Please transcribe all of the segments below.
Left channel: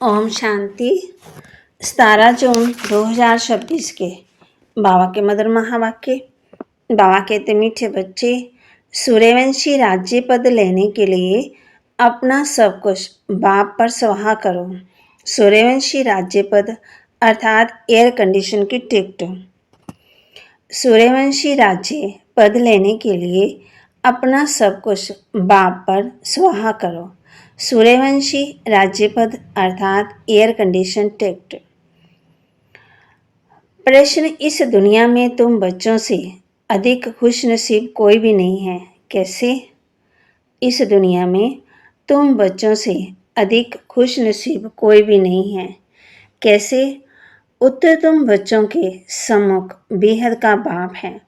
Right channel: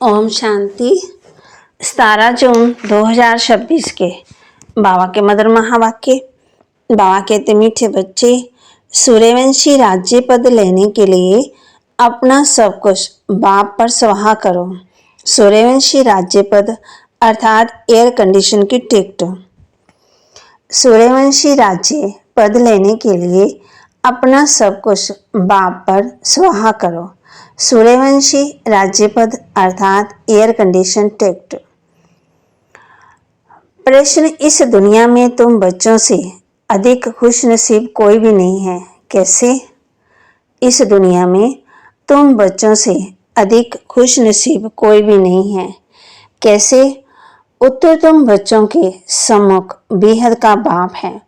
ओम शांति। 17 जून 2026 के बाबा के मधुर महावाक्य। बाबा कहते, मीठे बच्चे, सूर्यवंशी राज्य पद लेने के लिए अपना सब कुछ बाप पर स्वाहा करो। सूर्यवंशी राज्य पद अर्थात एयर कंडीशन की टिकट। सूर्यवंशी राज्य पद लेने के लिए अपना सब कुछ बाप पर स्वाहा करो। सूर्यवंशी राज्य पद अर्थात एयर कंडीशन टिकट। प्रश्न, इस दुनिया में तुम बच्चों से अधिक खुश नसीब कोई भी नहीं है, कैसे? इस दुनिया में तुम बच्चों से अधिक खुश नसीब कोई भी नहीं है, कैसे? उत्तर, तुम बच्चों के सम्मुख बेहद का बाप है,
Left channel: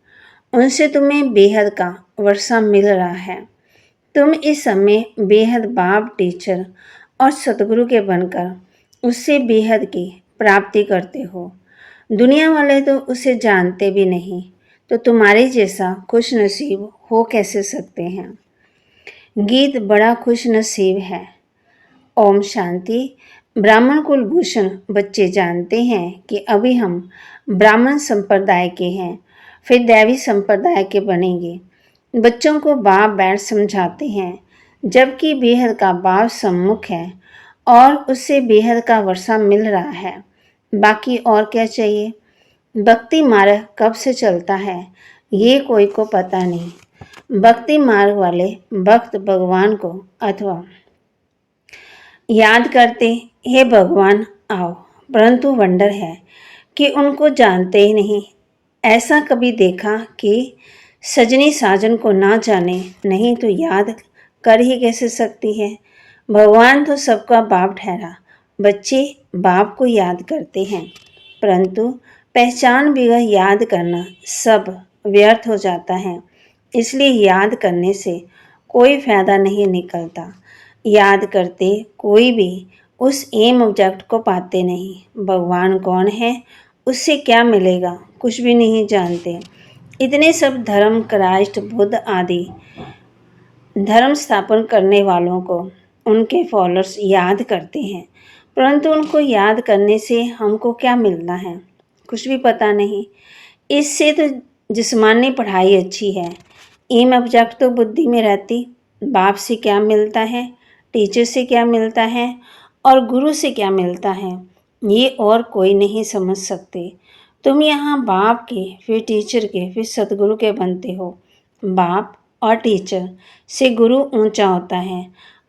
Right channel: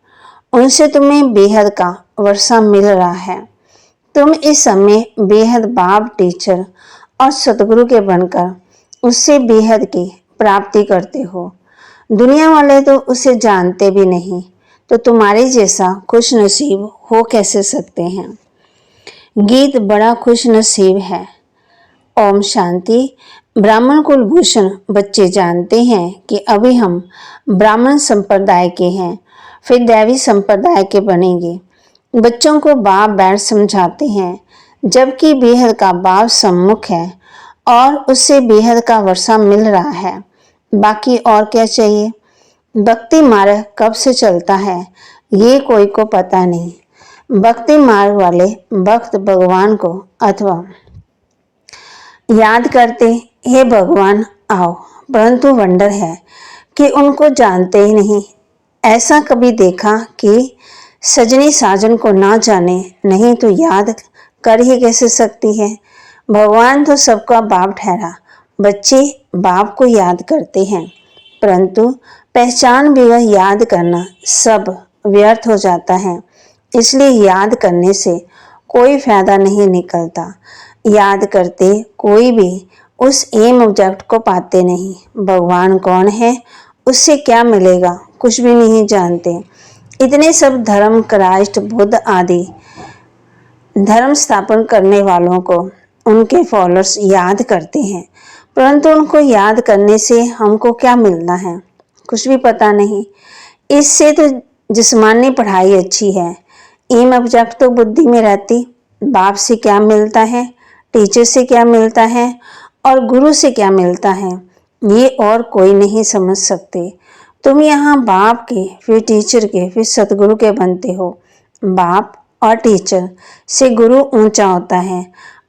उनसे तुम्हें बेहद का वर्षा मिल रहा है। तुम इस समय बेहद बाप, टीचर और सतगुरु के बनकर उससे बेहद की प्राप्ति करते हो। दुनिया वाले तो उसे जानते भी नहीं, तो तुम्हारे जैसा खुश नसीब हो कैसे सकते हैं? गीत बड़ा खुश नसीब है। ओम शांति। ब्राह्मण कुलभूषण बच्चे जानते हैं कि अभी हम ब्राह्मण संप्रदाय के हैं, फिर दैवी संप्रदाय के बनेंगे। बच्चों को बाप बैठ समझाते हैं, जबकि बेहद का बाप सम्मुख है और उससे बेहद का वर्षा मिल रहा है। बाकी और क्या चाहिए? भक्ति मार्ग कब से चलता है ये कोई को पता नहीं। भक्ति मार्ग वाले भक्त भगवान को अथवा याद करते, हे भगवान आओ, परंतु वंडर है कि उनको जानते ही नहीं। ऐसा कभी देखा कि सजनी साजन को ना जाने, नहीं तो याद कर ही कैसे सकती है? भगवान तो सबका बाप ठहरा। बच्चे बाप को याद करते हैं, परंतु पहचान बगैर याद करना सब व्यर्थ हो जाता है। इसलिए याद करने से कोई फायदा नहीं निकलता। याद करते कोई भी उस एम ऑब्जेक्ट को पाते नहीं। भगवान कौन है, उससे क्या मिलेगा, कुछ भी नहीं जानते। इतने सब धर्म, क्राइस्ट, बुद्ध आदि धर्म स्थापन करने वालों को उनके फॉलोअर्स याद करते हैं, परंतु उनको याद करने से हमको क्या मिलना है, कुछ भी पता नहीं। इससे तो जिस्मानी पढ़ाई अच्छी है। एम ऑब्जेक्ट तो बुद्धि में रहती। बाप से क्या मिलता है, टीचर से क्या मिलता है और गुरु से क्या मिलता है, ये और कोई नहीं समझ सकते। तुम यहाँ बाप के, फिर टीचर के, फिर सतगुरु के बनते हो। बाप और टीचर से गुरु ऊंचा होता है।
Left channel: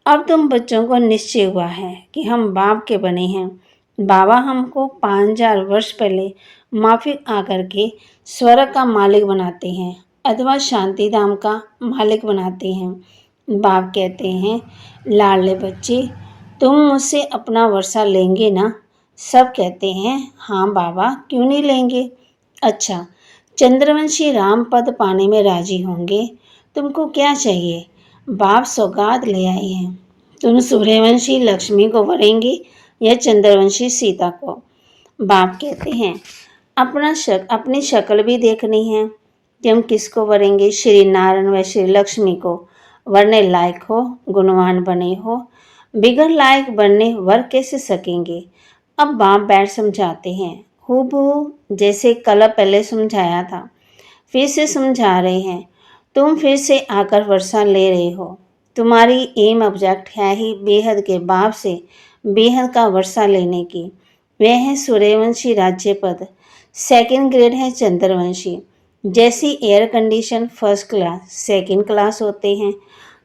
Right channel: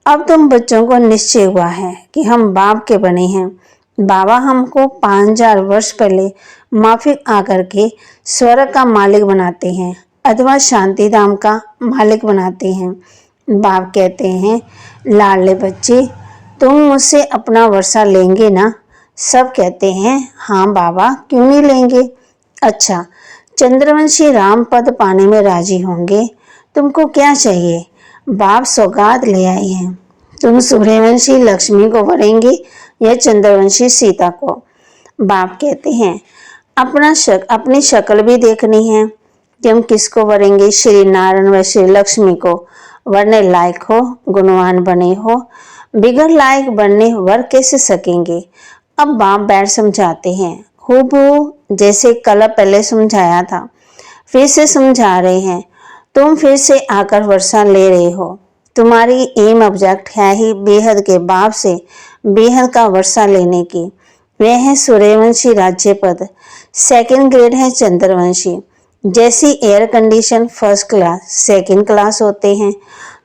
अब तुम बच्चों को निश्चय हुआ है कि हम बाप के बने हैं। बाबा हमको 5000 वर्ष पहले माफिक आकर के स्वर्ग का मालिक बनाते हैं अथवा शांति धाम का मालिक बनाते हैं। बाप कहते हैं, लाडले बच्चे, तुम मुझसे अपना वर्षा लेंगे ना? सब कहते हैं, हाँ बाबा, क्यों नहीं लेंगे। अच्छा, चंद्रवंशी राम पद पाने में राजी होंगे? तुमको क्या चाहिए? बाप सौगात ले आए हैं। तुम सूर्यवंशी लक्ष्मी को वरेंगे या चंद्रवंशी सीता को? बाप कहते हैं, अपनी शक्ल भी देखनी है कि हम किसको वरेंगे। श्री नारायण व श्री लक्ष्मी को वरने लायक हो, गुणवान बने हो। बिगड़ लायक बनने वर कैसे सकेंगे? अब बाप बैठ समझाते हैं, हूबहू जैसे कल पहले समझाया था, फिर से समझा रहे हैं। तुम फिर से आकर वर्षा ले रहे हो। तुम्हारी एम ऑब्जेक्ट है ही बेहद के बाप से बेहद का वर्षा लेने की। वह है सूर्यवंशी राज्य पद। सेकंड ग्रेड है चंद्रवंशी। जैसी air condition first class, second class होते हैं,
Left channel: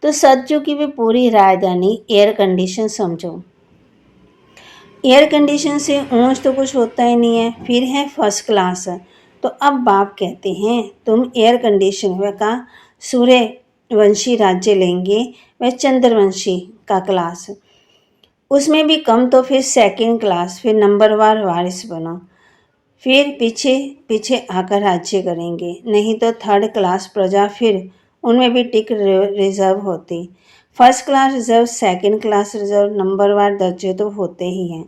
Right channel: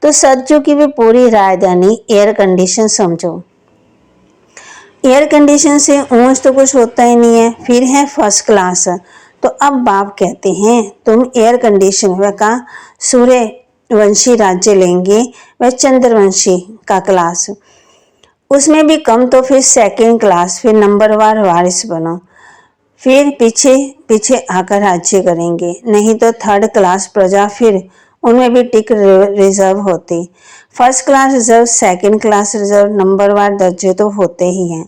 तो सज्जों की भी पूरी राजधानी एयर कंडीशन समझो। एयर कंडीशन से ऊंच तो कुछ होता ही नहीं है, फिर है फर्स्ट क्लास। तो अब बाप कहते हैं, तुम एयर कंडीशन व का सूर्यवंशी राज्य लेंगे व चंद्रवंशी का क्लास, उसमें भी कम तो फिर सेकंड क्लास, फिर नंबरवार वारिस बनो, फिर पीछे पीछे आकर राज्य करेंगे। नहीं तो थर्ड क्लास प्रजा, फिर उनमें भी टिक रिजर्व होती। First class reserve, second class reserve, नंबरवार दर्जे तो होते ही हैं।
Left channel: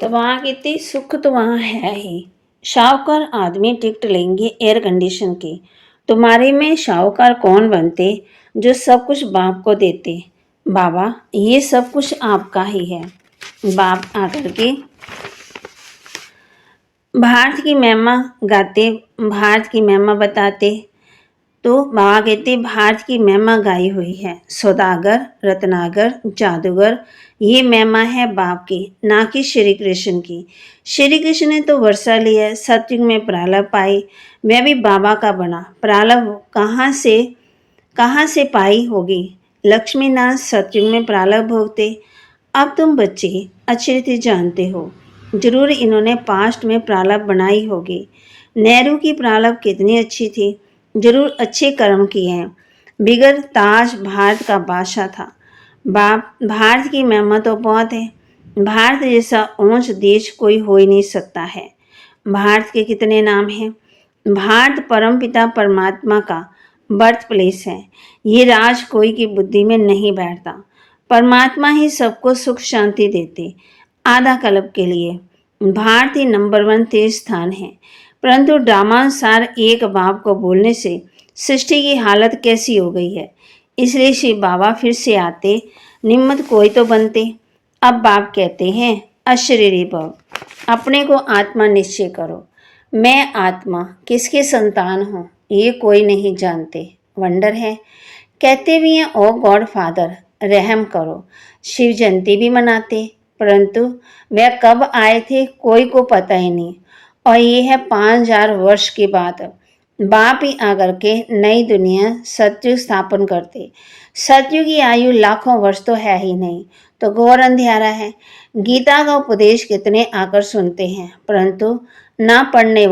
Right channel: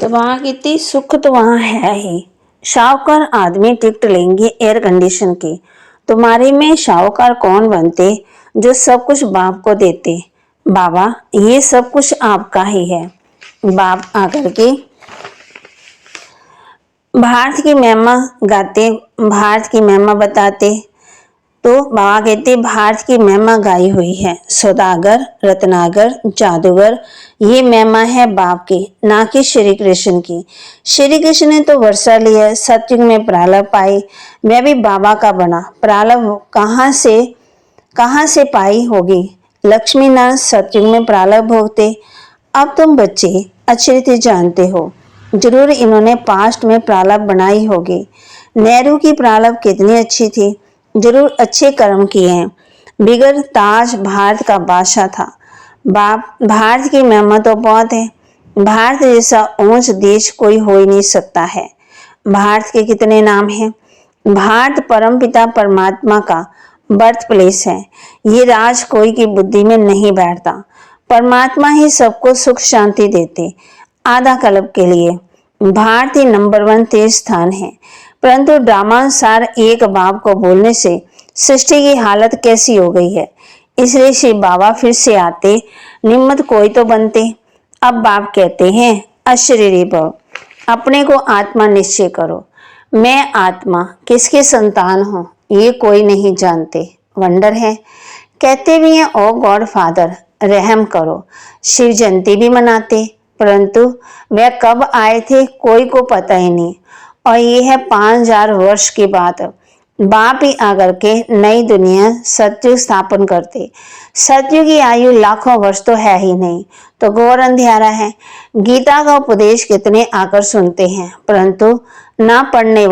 तो वहाँ कितनी सुख तो वहाँ है ही। शाहूकार आदमी टिकट लेंगे एयर कंडीशन की। तुम्हारे में शाहूकार कौन बनते जो सब कुछ बाप को देते? बाबा, ये सब कुछ आपका ही है। बाप आकर के भारत की महिमा गाते, भारत की महिमा बताते। तो बाबा कहते भारत की महिमा गाई हुई है, सौदागर, रत्नागर, जादूगर, ये महिमा है बाप की, ना कि श्री कृष्ण की। श्री कृष्ण ने तो वर्षा लिया, सतयुग में प्रारब्ध पाई, वह भी बाबा का बना। प्रारब्ध कहाँ से पाई होगी? लक्ष्मी नारायण सतयुग में प्रारब्ध भोगते। अब तुम बच्चे अच्छी रीति जानते हो, जरूर इन्होंने पास्ट में प्रारब्ध बनाई होगी। नेहरू की प्रारब्ध कितनी अच्छी थी, जरूर अच्छे कर्म किए हैं। बिगर ताज भारत का बादशाह था। बाप भारत की महिमा तो बहुत है। भारत जैसा ऊंच देश कोई हो ही नहीं सकता है। भारत के कितने नाम हैं। भारत परमपिता परमात्मा का बर्थ प्लेस है। ये राज कोई की बुद्धि में नहीं बैठता। परमात्मा ही सबको सुख शांति देते, आधा कल्प के लिए। भारत ही नंबर 1 तीर्थ स्थान है। परंतु ड्रामानुसार एक बाप को बोलने से सृष्टि की हालत कैसी हो गई है। इसलिए श्री बाबा फिर से आते, निम्मत कोई तो बनते। अब बाप कहते हैं अशरीरी भव, अपने को आत्मा निश्चय करो। मैं आत्मा किसके संतान हूँ ये कोई नहीं जानते। वंडर है। कहते भी हैं ओ गॉड फादर रहम करो। शिव जयंती भी मनाते, परंतु वह कब आए थे कोई को पता ही नहीं। और ये है 5000 वर्ष के बाद बाप ही आकर के नई दुनिया सतयुग स्थापन करते। सतयुग की आयु लाखों वर्ष तो है ही नहीं, तो घोर अंधेरा है। गीता का उपदेश कितने आकर सुनते हैं, परंतु ना पढ़ने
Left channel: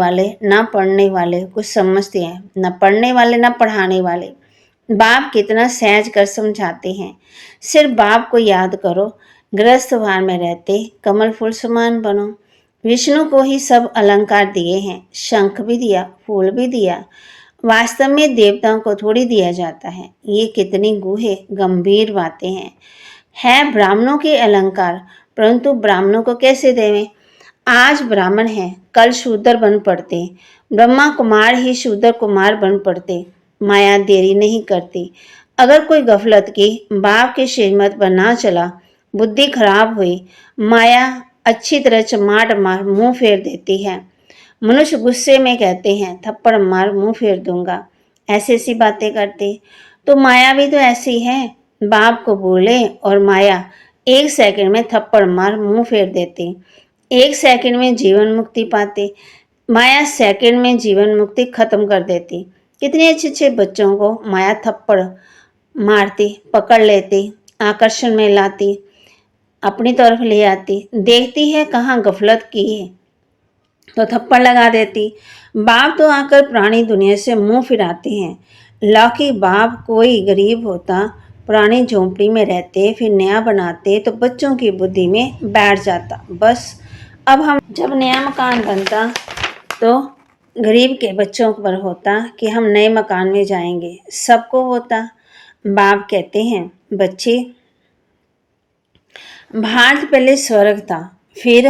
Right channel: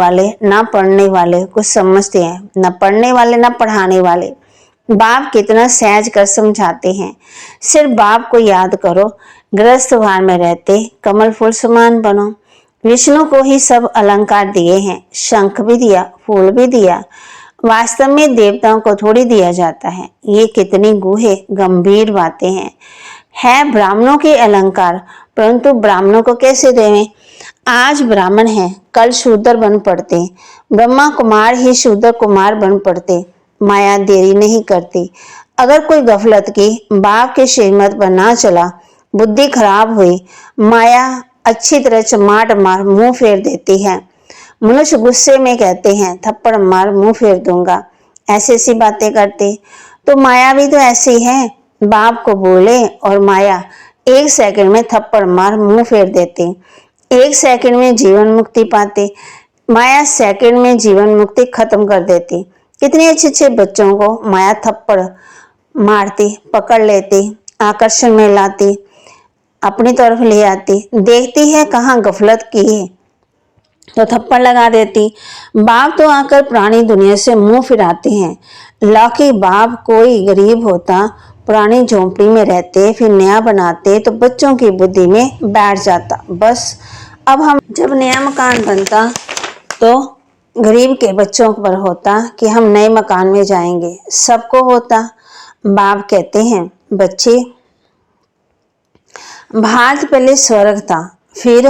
वाले कुछ समझते हैं, ना पढ़ने वाले ना पढ़ाने वाले। बाप कितना सहज कर समझाते हैं। सिर्फ बाप को याद करो, गृहस्थ भाव में रहते कमल फूल समान बनो। विष्णु को ही सब अलंकार दिए हैं, शंख भी दिया, फूल भी दिया। वास्तव में देवताओं को थोड़ी दिया जाता है। ये कितनी गूढ़े गंभीर बातें हैं। है ब्राह्मणों के अलंकार, परंतु ब्राह्मणों को कैसे देवें? आज ब्राह्मण है, कल शूद्र बन पड़ते। ब्रह्मा कुमार ही शूद्र कुमार बन पड़ते। माया देरी नहीं करती। अगर कोई गफलत की बाप के श्रीमत पर ना चला, बुद्धि खराब हुई, माया अच्छी तरह चमाट मार मुंह फेर देती है। मनुष्य गुस्से में कहते हैं थप्पड़ मार मुंह फेर दूंगा, ऐसी ऐसी बातें करते। तो माया भी तो ऐसी है, बाप को बोले और माया 1 सेकंड में थप्पड़ मार मुंह फेर देते। 1 सेकंड में जीवन मुक्ति पाते, माया सेकंड में जीवन मुक्ति खत्म कर देती। कितने अच्छे अच्छे बच्चों को माया थप्पड़ मारती, पकड़ लेती, आकर्षण में लाती, अपनी तरफ ले आती। देखती है कहाँ गफलत की है तो थप्पड़ लगा देती। बाप तो आकर पुरानी दुनिया से मुंह फिराते हैं। लौकी बाप कोई गरीब होता, पुरानी झोंपड़ी में रहते, फिर नया बनाते तो बच्चों की बुद्धि में बैठ जाता। बस अब हम जब नया मकान बनता तो गरीब के बच्चों पर होता कि हम नए मकान में जाएंगे, सबको होता। बाप कहते हैं बच्चे, भारत पहले स्वर्ग था, फिर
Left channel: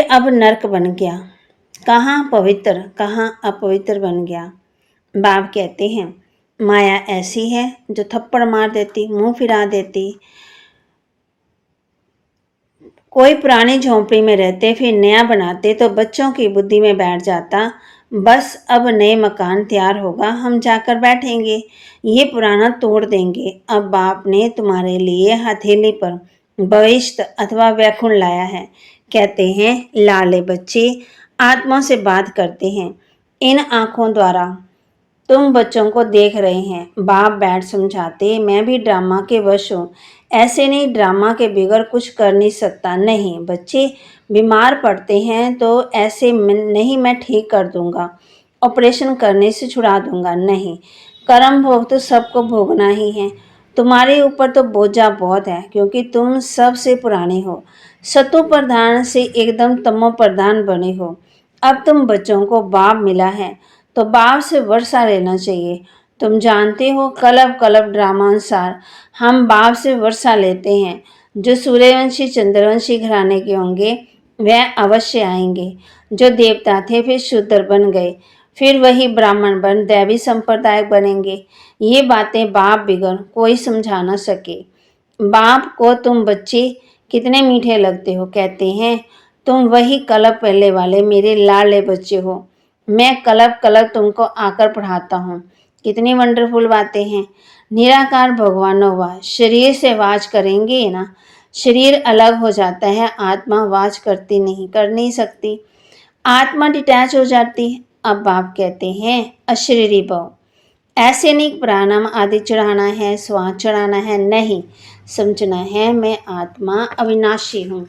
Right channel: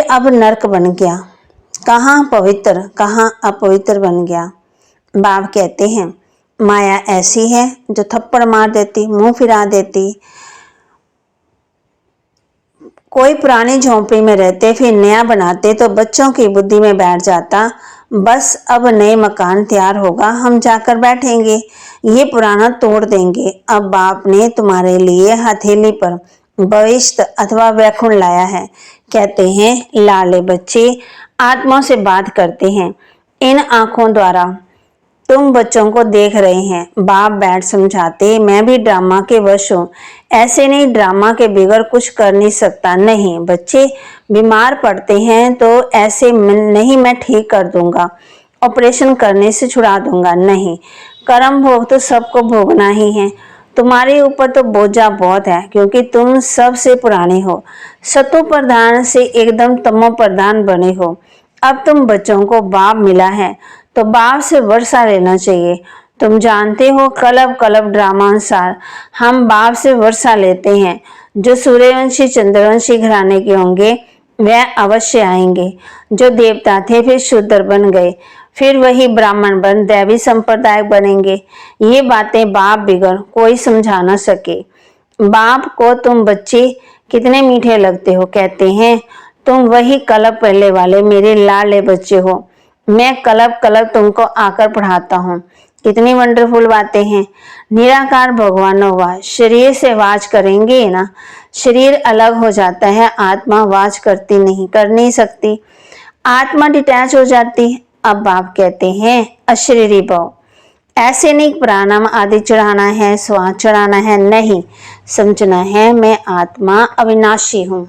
अब नरक बन गया। कहाँ पवित्र कहाँ अपवित्र बन गया। बाप कहते हैं माया ऐसी है जो थप्पड़ मार देती, मुंह फिरा देती। कोई पुरानी झोंपड़ी में रहते फिर नया बनाते तो बच्चों की बुद्धि में बैठ जाता, बस अब नए मकान तैयार होगा, हम जाकर बैठेंगे, ये पुराना तोड़ देंगे। अब बाप ने तुम्हारे लिए हथेली पर भविष्य अथवा वैकुंठ लाया है। कहते हैं लाले बच्चे आत्मा से बात करते हैं। इन आंखों द्वारा तुम बच्चों को देख रहे हैं। बाप बैठ समझाते, मैं भी ड्रामा के वश हूँ। ऐसे नहीं, ड्रामा के बिगड़ कुछ कर नहीं सकता। नहीं बच्चे बीमार पड़ते हैं तो ऐसे नहीं मैं ठीक कर दूंगा, ऑपरेशन करने से छुड़ा दूंगा। नहीं, कर्म भोग तो सबको भोगना ही है। तुम्हारे ऊपर तो बोझा बहुत है, क्योंकि तुम सबसे पुराने हो, सतो प्रधान से एकदम तमो प्रधान बने हो। अब तुम बच्चों को बाप मिला है तो बाप से वर्षा लेना चाहिए। तुम जानते हो कलब कलब ड्रामा अनुसार हम बाप से वर्षा लेते हैं। जो सूर्यवंशी चंद्रवंशी घराने के होंगे वह अवश्य आएंगे। जो देवता थे फिर शूद्र बन गए, फिर वही ब्राह्मण बन दैवी संप्रदाय बनेंगे। ये बातें बाप बिगड़ कोई समझा ना सके। बाप को तुम बच्चे कितने मीठे लगते हो, कहते हैं तुम वही कलब पहले वाले मेरे लाडले बच्चे हो। मैं कलब कलब तुमको आकर पढ़ाता हूँ। कितनी वंडरफुल बातें हैं। निराकार भगवान हुआ, शरीर से वाच करेंगे ना, शरीर अलग हो जाता है, आत्मा वाच करती नहीं, कर नहीं सकती, आत्मा डिटैच हो जाती है। अब बाप कहते हैं अशरीरी भव, ऐसे नहीं प्राणायाम आदि चढ़ाना है, स्वाद चढ़ाना है, नहीं, समझना है मैं आत्मा अविनाशी हूँ।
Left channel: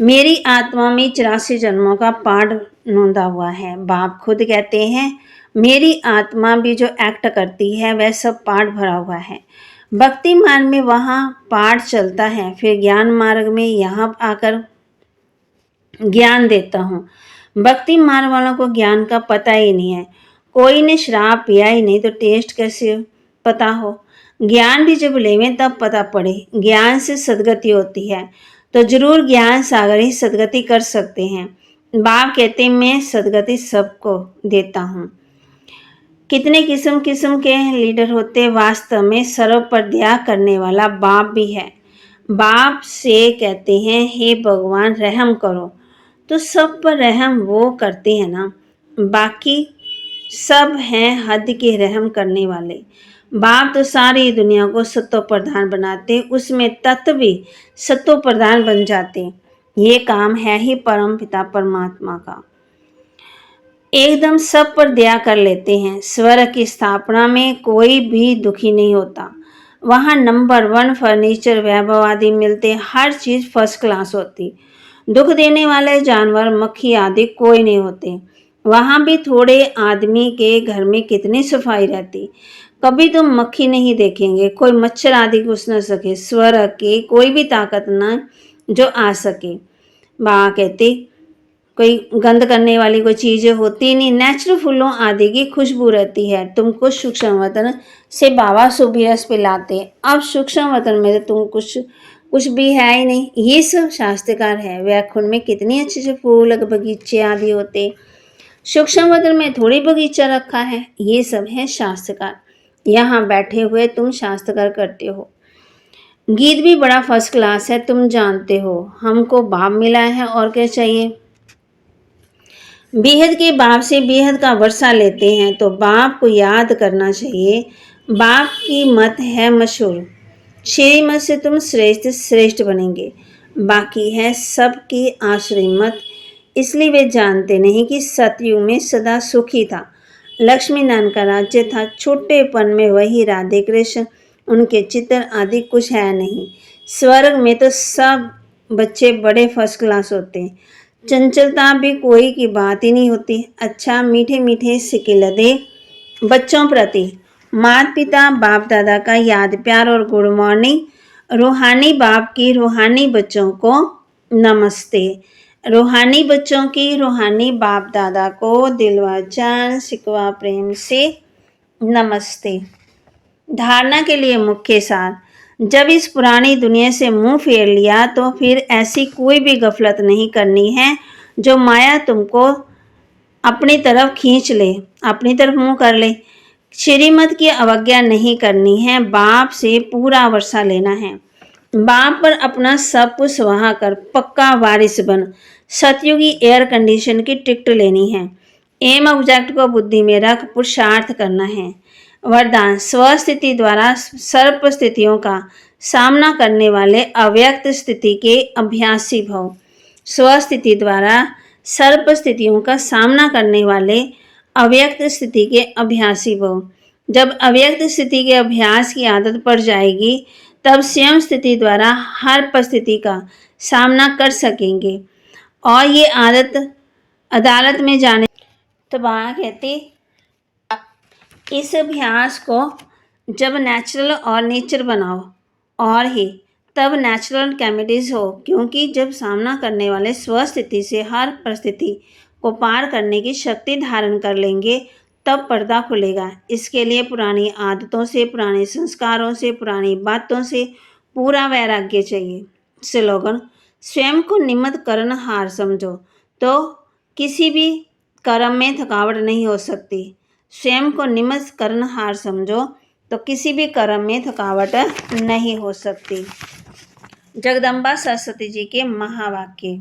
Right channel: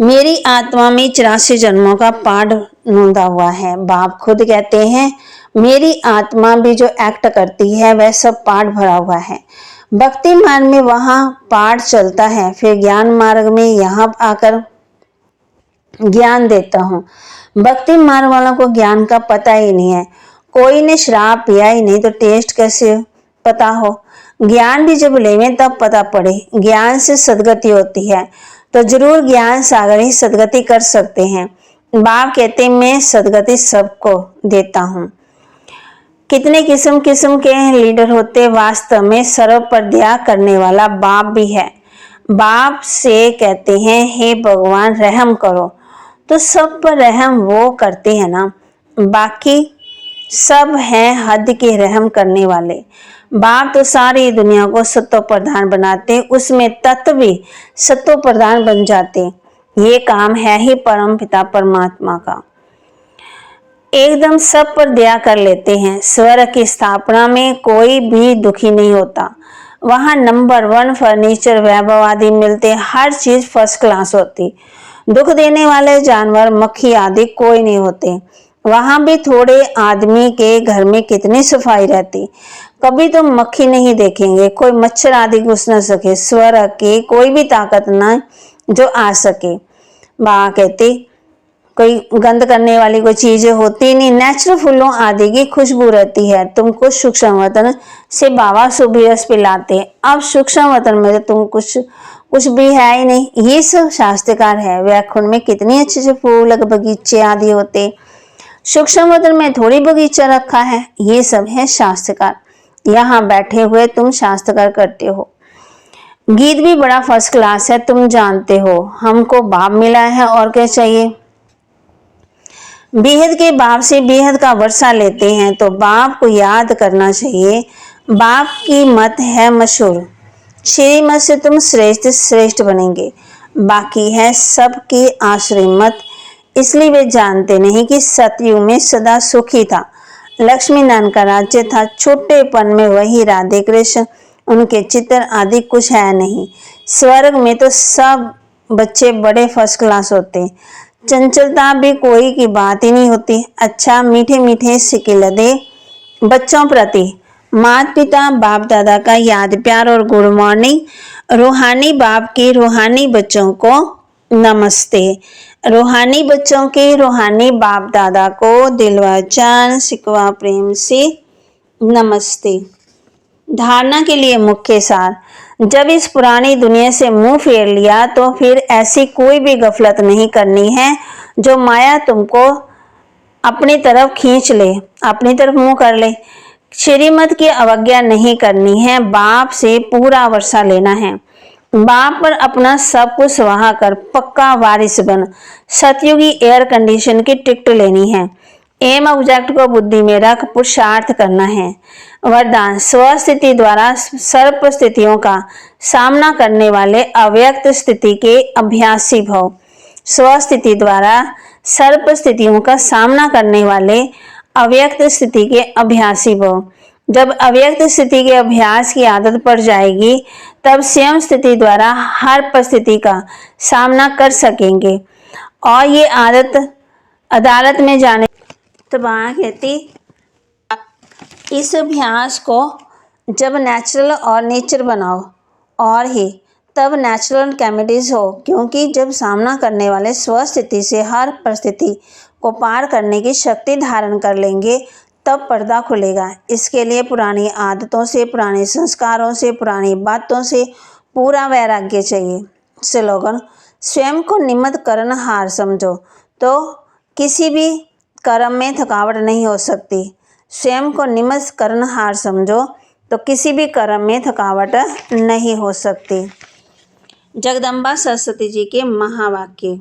मेरी आत्मा में 84 जन्मों का पाठ नोंदा हुआ है। बाप खुद कहते हैं मेरी आत्मा भी जो एक्ट करती है वह सब पाठ भरा हुआ है। भक्ति मार्ग में वहाँ पाठ चलता है, फिर ज्ञान मार्ग में यहाँ आकर ज्ञान देता हूँ। भक्ति मार्ग वालों को ज्ञान का पता ही नहीं है। कोई ने शराब पिया ही नहीं तो टेस्ट कैसे पता हो। ज्ञान भी जब लेवें तब पता पड़े। ज्ञान से सदगति होती है तो जरूर ज्ञान सागर ही सदगति कर सकते हैं। बाप कहते मैं सदगति सबको देता हूँ। कितने किस्म किस्म के लीडर होते, वास्तव में सर्व पर दया करने वाला बाप भी है। बाप से कहते हैं हे भगवान रहम करो, तो सब पर रहम वो करते हैं ना, बाकी सब हैं हद के रहम करने वाले। बाप तो सारी दुनिया को सत्व प्रधान बनाते, उसमें तत्व भी सत्व प्रधान बन जाते। ये काम है ही परम पिता परमात्मा का। एकदम सब पर दया कर लेते हैं। स्वर्ग की स्थापना में कोई भी दुखी नहीं होता। वहाँ नंबर 1 फर्नीचर वैभव आदि मिलते, हर चीज फर्स्ट क्लास होती। दुख देने वाले जानवर मक्खी आदि कोई नहीं होते। वहां भी थोड़े आदमी के घर में कितनी सफाई रहती, कभी तुम मक्खी नहीं देखेंगे, कोई मच्छर आदि घुस न सके, स्वर्ग की कोई भी ताकत न जो आ सके। बाबा कहती कोई गंद करने वाली कोई चीजें होती नहीं, नेचुरल फूलों आदि की खुशबू रहती है। तुमको सूक्ष्म वतन से बाबा सुबह पिलाते, अब सूक्ष्म वतन में तुम कुछ भी है ही नहीं। ये सब शास्त्रकार है। वैकुंठ में कितनी अच्छे अच्छे फूल बगीचे आदि होते, सूक्ष्म वतन में थोड़ी बगीचा रखा है। ये सब है शास्त्रकार। यहाँ बैठे हुए तुम शास्त्रकार करते हो। गीत भी बड़ा फर्स्ट क्लास है, तुम जानते हो। हमको बाप मिला है और क्या चाहिए। बेहद के बाप से बेहद का वर्षा लेते हैं तो बाप को याद करना चाहिए। बाप की मत है मशहूर, श्रीमत से तुम श्रेष्ठ श्रेष्ठ बनेंगे, बाकी है सबकी आश्रय मत। इसलिए वे जानते नहीं कि सतयुग में सदा सुखी था, लक्ष्मी नारायण का राज्य था। छोटेपन में वही राधे कृष्ण, उनके चित्र आदि कुछ है नहीं। स्वर्ग में तो सब बच्चे बड़े फर्स्ट क्लास होते, चंचलता भी कोई की बात ही नहीं होती। अच्छा मीठे मीठे सिकिलदे बच्चों प्रति माता पिता बाप दादा का याद प्यार और गुड मॉर्निंग। रूहानी बाप की रूहानी बच्चों को नमस्ते। रूहानी बच्चों के रूहानी बाप दादा को दिलवा जान सिकवा प्रेम से नमस्ते। धारणा के लिए मुख्य सार, जब इस पुरानी दुनिया से मुंह फेर लिया तो फिर ऐसी कोई भी गफलत नहीं करनी है जो माया तुमको अपनी तरफ खींच ले, अपनी तरफ मुंह कर ले। श्रीमत की अवज्ञा नहीं करनी है, बाप से पूरा वर्षा लेना है। बाप पर अपना सब कुछ वहा कर पक्का वारिस बन। सतयुगी एयर कंडीशन की टिकट लेनी है। एम ऑब्जेक्ट को बुद्धि में रख पुरुषार्थ करना है। वरदान, स्वस्थिति द्वारा सर्प स्थितियों का सामना करने वाले अव्यक्त स्थिति के अभ्यासी भव। स्वस्थिति द्वारा सर्प स्थितियों का सामना करने वाले अव्यक्त स्थिति के अभ्यासी भव। जब अव्यक्त स्थिति के अभ्यास की आदत पड़ जाएगी तब स्वयं स्थिति द्वारा हर परिस्थिति का सामना कर सकेंगे और ये आदत अदालत में जाने तो वहाँ कहती इस अभ्यास को जब नेचुरल और नेचर बनाओ और ही तब नेचुरल कैमिटीज हो, क्योंकि जब सामना करने वाले स्वस्थिति से हर परिस्थिति को पार करने की शक्ति धारण कर लेंगे तब पर्दा खुलेगा। इसके लिए पुरानी आदतों से, पुराने संस्कारों से, पुरानी बातों से पूरा वैराग्य चाहिए। स्लोगन, स्वयं को निमित्त कर्म हार समझो तो किसी भी कर्म में थकावट नहीं हो सकती। स्वयं को निमित्त कर्म हार समझो तो किसी भी कर्म में थकावट नहीं हो सकती। जगदम्बा सरस्वती जी के महावाक्य।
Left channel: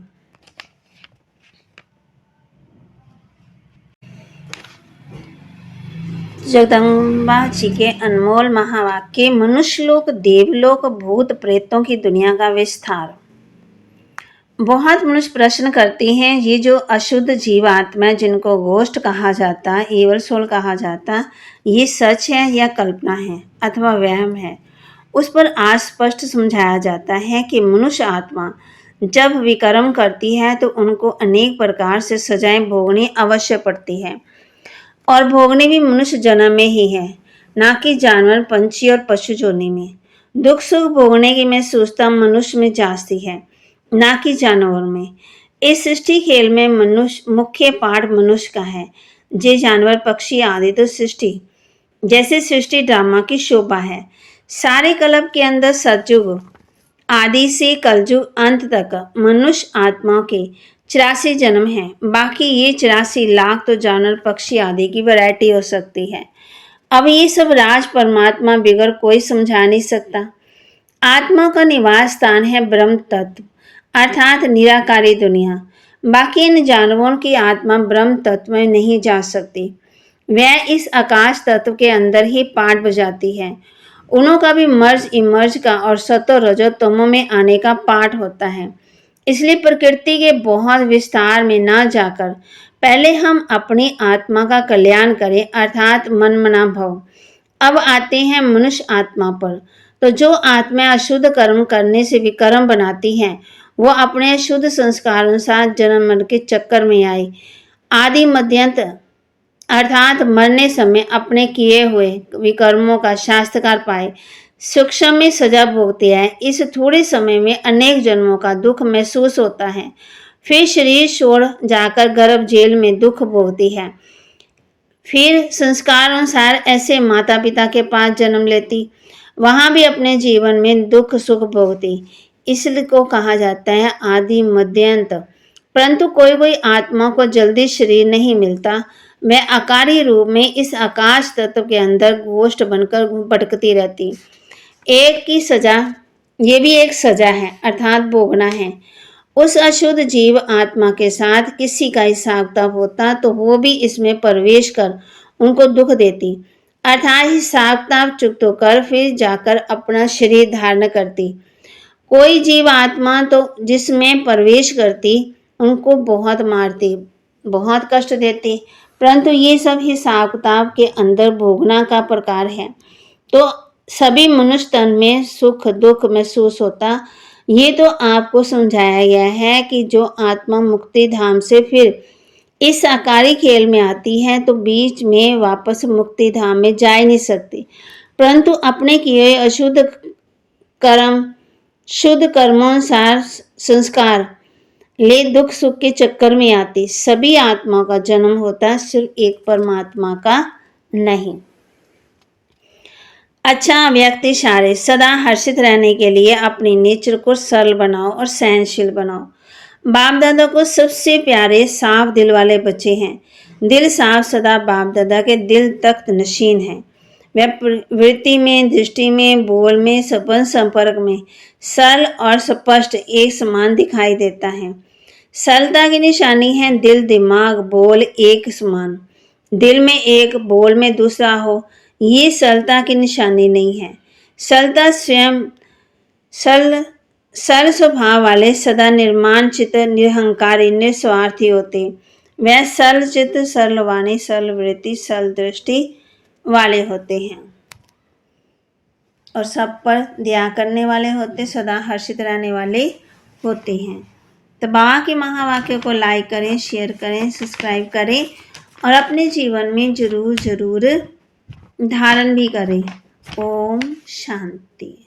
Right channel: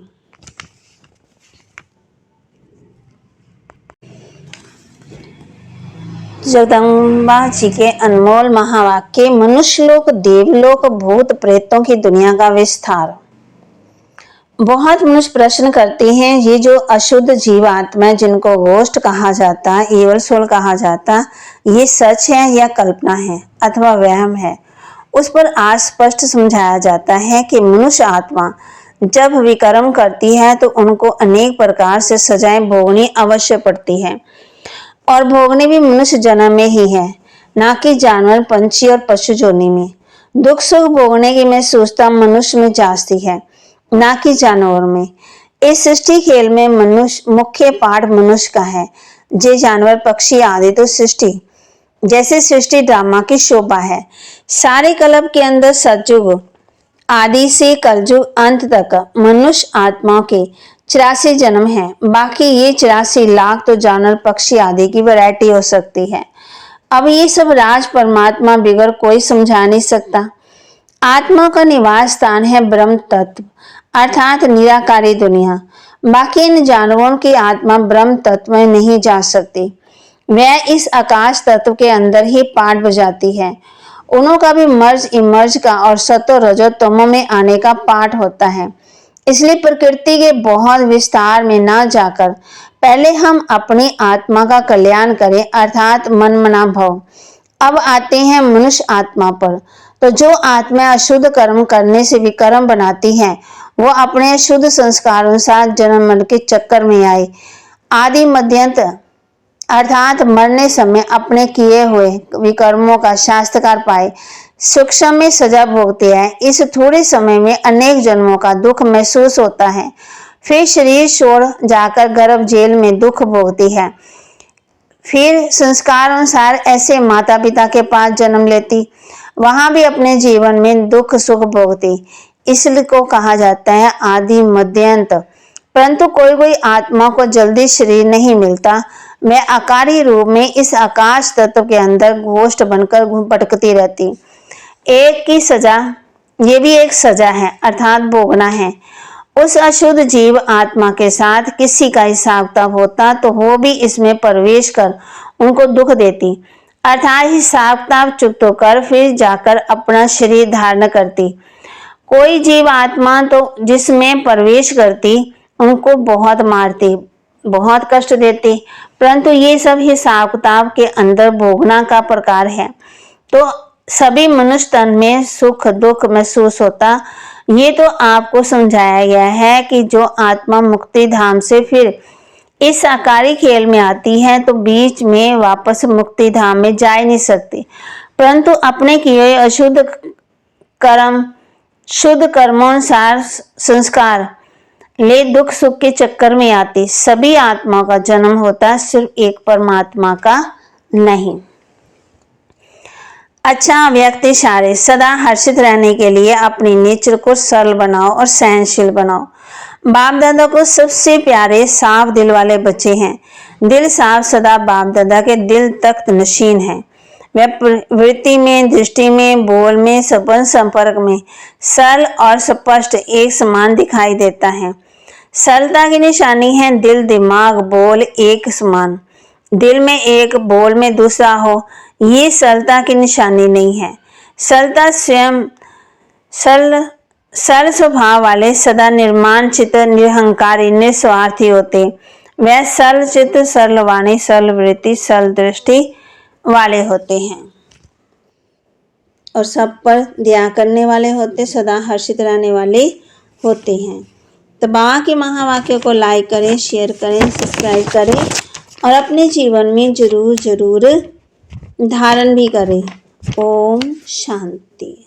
जगदम्बा जी के अनमोल महावाक्य। मनुष्यलोक, देवलोक, भूत प्रेतों की दुनिया का विस्तार। बहुत मनुष्य प्रश्न करते हैं, ये जो अशुद्ध जीवात्मा जिनको घोस्ट कहा जाता, ईवल सोल कहा जाता, ये सच है या कल्पना है अथवा वहम है। उस पर आज स्पष्ट समझाया जाता है कि मनुष्य आत्मा जब विकर्म करती है तो उनको अनेक प्रकार से सजाएं भोगनी अवश्य पड़ती है, और भोगनी भी मनुष्य जन्म में ही है, ना कि जानवर, पंछी और पशु योनि में। दुख सुख भोगने की महसूसता मनुष्य में जाती है, ना कि जानवर में। इस सृष्टि खेल में मनुष्य मुख्य पाठ मनुष्य का है। जे जानवर पक्षी आदि तो सृष्टि जैसे सृष्टि ड्रामा की शोभा है। सारे कल्प के अंदर सतयुग आदि से कलयुग अंत तक मनुष्य आत्माओं के 84 जन्म है। बाकी ये 84 लाख तो जानवर पक्षी आदि की वैरायटी हो सकती है। अब ये सब राज परमात्मा बिगड़ कोई समझा नहीं सकता। आत्मा का निवास स्थान है ब्रह्म तत्व अर्थात निराकारी दुनिया। बाकी इन जानवरों की आत्मा ब्रह्म तत्व में नहीं जा सकती, वह इस आकाश तत्व के अंदर ही पाठ बजाती है। उनका भी मर्ज इमर्ज का और सतो रजो तमो में आने का पाठ होता है। इसलिए प्रकृति के बहुत विस्तार में ना जाकर पहले हम अपनी आत्मा का कल्याण करें अर्थात मन मना भव। अब आते हैं मनुष्य आत्मा पर। तो जो आत्मा अशुद्ध कर्म करने से विकर्म बनाती है, वो अपने शुद्ध संस्कारों साथ जन्म मरण के चक्कर में आए आदि मध्यंत अर्थात मरने समय अपने किए हुए विकर्मों का शास्त्रकार पाए सूक्ष्म में सजा भोगते हैं। इस थोड़े समय में अनेक जन्मों का दुख महसूस होता है। फिर शरीर छोड़ जाकर गर्भ जेल में दुख भोगती है। फिर संस्कार अनुसार ऐसे माता पिता के पास जन्म लेती, वहां भी अपने जीवन में दुख सुख भोगती। इसलिए को कहा जाता है आदि मध्यंत। परंतु कोई कोई आत्मा को जल्दी शरीर नहीं मिलता, वह आकारी रूप में इस आकाश तत्व के अंदर घोष्ट बनकर भटकती रहती। एक की सजा, ये भी एक सजा है अर्थात भोगना है। उस अशुद्ध जीव आत्मा के साथ किसी का हिसाब किताब होता तो वो भी इसमें प्रवेश कर उनको दुख देती अर्थात हिसाब किताब चुप्त होकर फिर जाकर अपना शरीर धारण करती। कोई जीव आत्मा तो जिसमें प्रवेश करती उनको बहुत मारती, बहुत कष्ट देती, परंतु ये सब हिसाब किताब के अंदर भोगना का प्रकार है। तो सभी मनुष्य तन में सुख दुख महसूस होता। ये तो आपको समझाया गया है कि जो आत्मा मुक्ति धाम से फिर इस आकारी खेल में आती है तो बीच में वापस मुक्ति धाम में जा ही नहीं सकती, परंतु अपने किए हुए अशुद्ध कर्म शुद्ध कर्मोनुसार संस्कार ले दुख सुख के चक्कर में आती। सभी आत्माओं का जन्म होता, सिर्फ एक परमात्मा का नहीं। अच्छा व्यक्ति सारे सदा हर्षित रहने के लिए अपनी नेचर को सरल बनाओ और सहनशील बनाओ। बाप दादा को सबसे प्यारे साफ दिल वाले बच्चे हैं। दिल साफ सदा बाप दादा के दिल तख्त नशीन है। वह वृत्ति में, दृष्टि में, बोल में, सपन संपर्क में सरल और स्पष्ट एक समान दिखाई देता है। सरलता की निशानी है दिल दिमाग बोल एक समान। दिल में एक, बोल में दूसरा हो, ये सरलता की निशानी नहीं है। सरलता स्वयं सरल स्वभाव वाले सदा निर्माण चित्त निरहंकारी निस्वार्थी होते। वह सरल चित्त सरल वाणी सरल वृत्ति सरल दृष्टि वाले होते हैं और सब पर दया करने वाले होते, सदा हर्षित रहने वाले होते हैं। तो बाबा के महावाक्यों को लाइक करें, शेयर करें, सब्सक्राइब करें और अपने जीवन में जरूर जरूर धारण भी करें। ओम शांति।